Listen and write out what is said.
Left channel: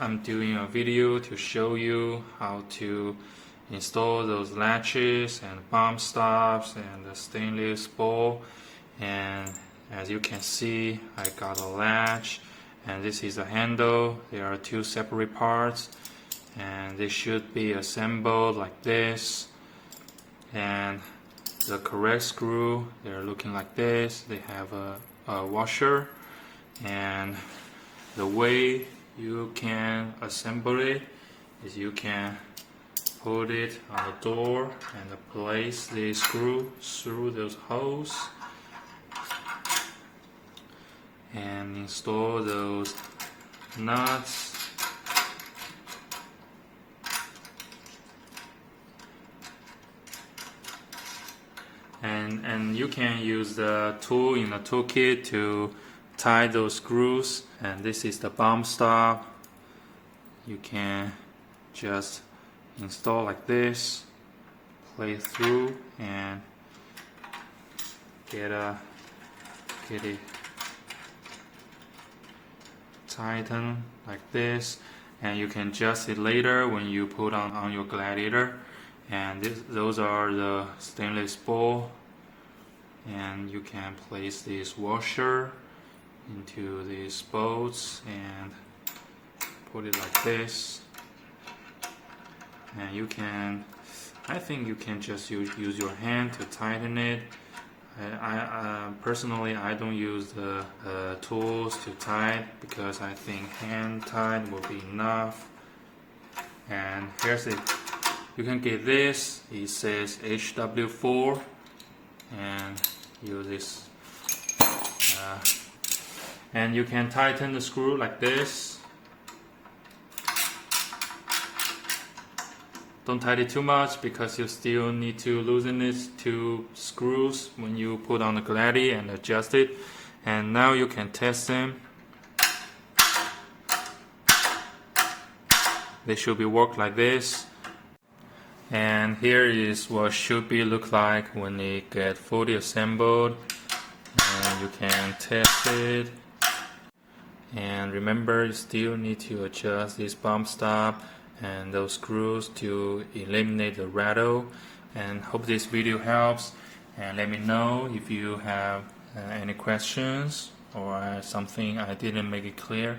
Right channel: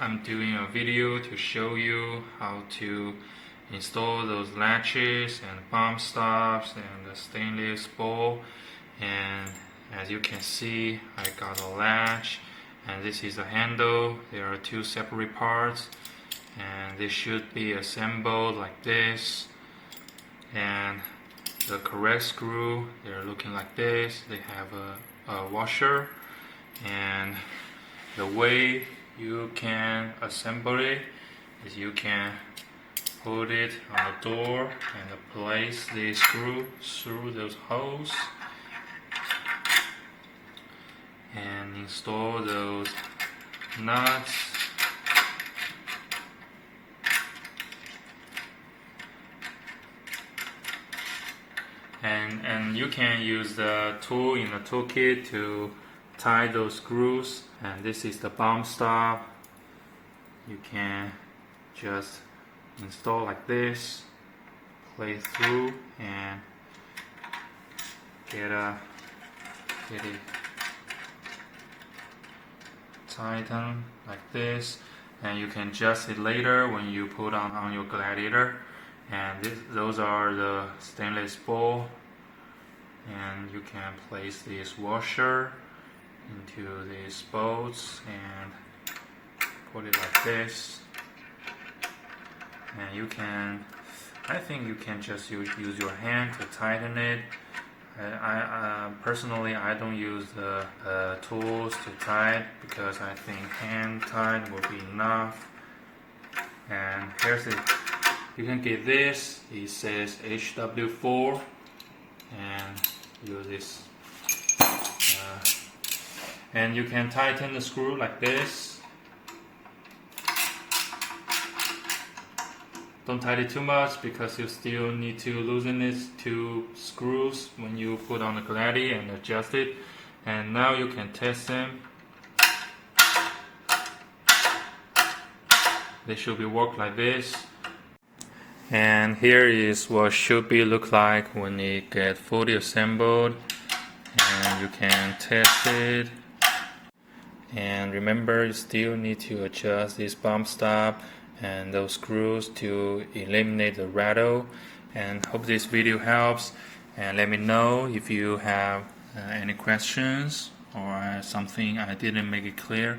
I'm doing a video to show you how to install those latches and bump stops and the stainless bowl. And as you can see, I got a latch and this is a handle. There are two separate parts and they should be assembled like this. And the correct screw, they're looking like this. They have a washer, and the way you can assemble it is you can put it on the door and place the screw through those holes and install those nuts. And you can use the tool in the toolkit to tie those screws. And this is the bump stop. You can just install like this, play through, and get it tighten like this. And you can adjust it later when you put on your gladiator. And those are the stainless bowl, and you can place this washer into these bolts and put it like this. And you can, I think you can just use your hand to tighten it. I personally, I don't use the tools to tighten because I think hand tight will be enough. And here's it. You can get this. It says HW4, and use this. And you can tighten the screw like this. Don't tighten it too much because you still need to loosen these two screws when you put on the gladi and adjust it. And now you can test them. They should be worked like this. And here is what should be look like when it get fully assembled, and you can test it. And remember, you still need to adjust this bump stop and those screws to eliminate the rattle. And hope this video helps, and let me know if you have any questions or something I didn't make it clear.